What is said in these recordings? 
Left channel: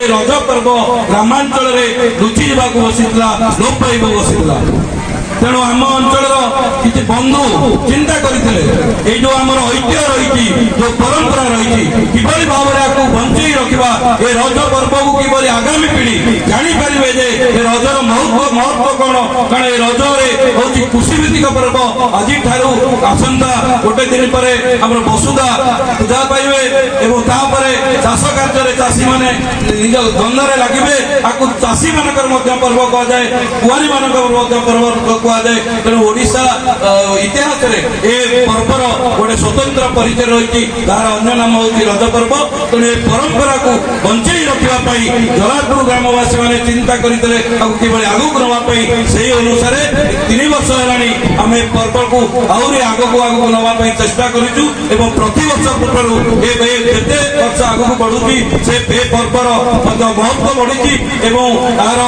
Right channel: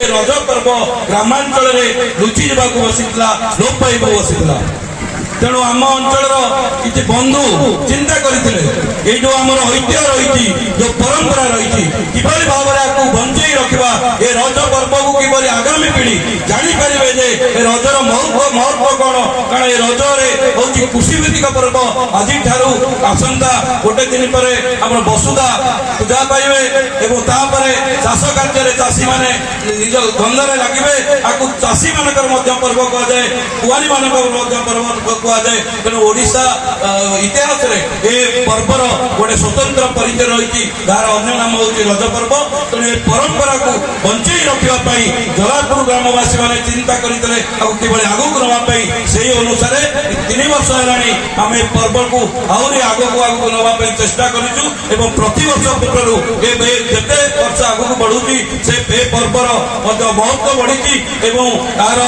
रज पर्व ग्रामांचल लुचि जावाक बसीला लोप पाइब बसीला तेणु आम अंचल किसी बंधु चिंता करते जो आम ऐतिह्य रही जो परंपरा रही किभली भाव में बंचई रखा ये रज पर्व को किभली आगामी पीढ़ी जानीपारे जे रजर महत्व कौन कारण ये रज हूँ कृषि भित्तिक पर्व आज आसंता गोटे दिन पर आम बसुधा पूजा पाइबे और चाष कार्य चाषी मैंने निज गंधरे लगे आपको चाषी मान पर्व कहुए कुआरी मान पर्व कहुए तेणु ओडिशा इतिहास पर्वर गोटे स्वतंत्र परिचय रही यार अन्य नाम हूँ रज पर्व तेणु ये परंपरा को बंचई रखापी जलापुर ग्रामवासी मैंने चिंता करते कि आगक नापी से अनुसार 3 वर्ष है आम पर्व को आहरी आगक नापी चेष्टा करूँ प्रति वर्ष पूर्व जिते वर्ष आगक बढ़ुची से पर्वर महत्व बढ़ी यार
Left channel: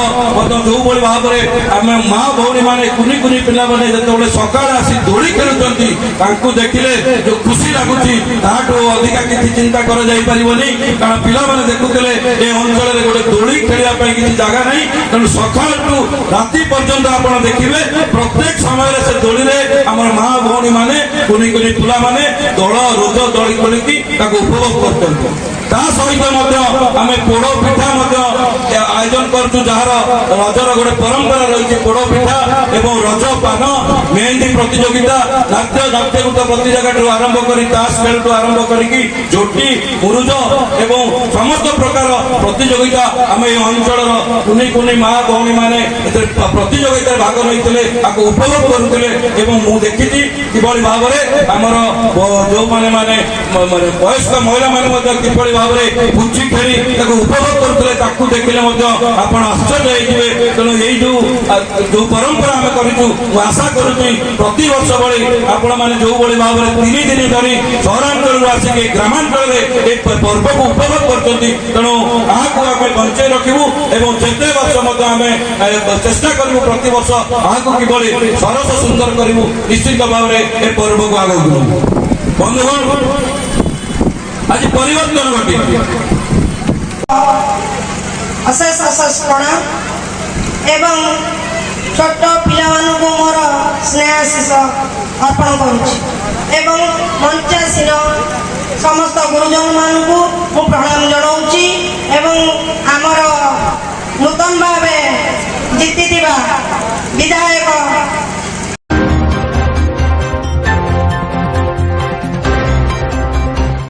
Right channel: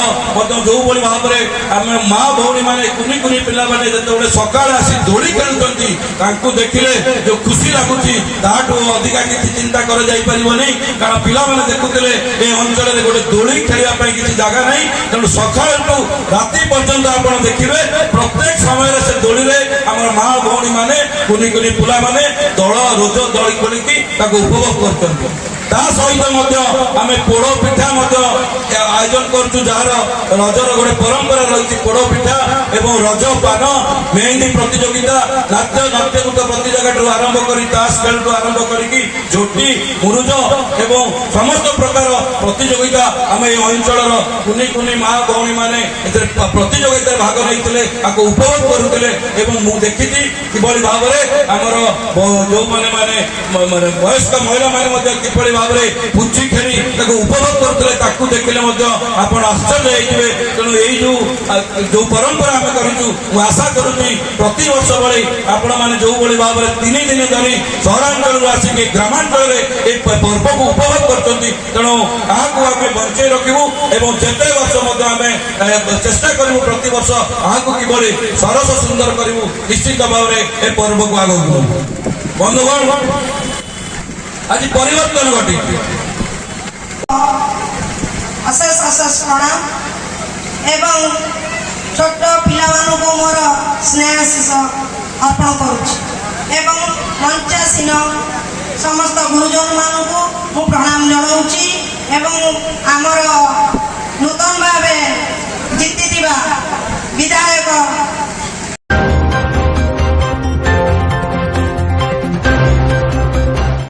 जो भाव में आम माँ भौणी मैंने कुनी कुनी पिला मैंने जो सका आसी दोली खेलुंट देखिले जो खुशी लगुच अधिका किसी चिंता कर कारण पिला मैंने देखुले ये अंचल गोटे दोली खेलने किसी जगह नहीं तेणु सका राति पर्यंत आप देखिए प्रत्येक समय से दोली आम माँ भौणी मैंने कुनी कुनी पिला मैंने दल रोज दली खोलिकी उपभोग करते सहित आम पोड़ पिठा आयोजन करूँ जार रजर गोटे परंपरा रही पोड़ पिठा एवं रज पान मेहंदी प्रतियोगिता नाट्य नाट्यगीत प्रतियोगिता आरंभ कर ताश खेल आरंभ करके झोटी मुरुज एवं समस्त प्रकार प्रतियोगिता आम ये अंचल कुनी कुनी माँ भौणी मैंने प्रतियोगिता भाग नहीं उपभोग करुले मुझे देखी किभली भाव में आमर जो मैंने वयस्क महिला मैंने किभली भाव में पुची खेली उपभोग करुले देखिले आप आश्चर्य होते तेणु यही जो परंपरा आम करूँ आशा करुँ प्रति वर्ष भली आपण मैंने जो भाव में 3 दिन धरी सहरांचल आसिक ग्रामांचल पर्व को उपभोग कर तेणु आपको आम बंचई रखू और जिते वर्ष आम चेष्टा करूँ प्रति वर्ष आपको किभली सरस सुंदर करूँ निश्चित भाव में ए पर्व को आगे बंधुगण आज परिवर्तन घटी अशेष अशेष प्रणाम एवं छोट पिला मोर स्नेह आशीष अर्पण करुँ मंचासीन समस्त गुरुजन मानू मु प्रणाम जनाऊँगी एवं आमर नूतन भाव जीति विधायक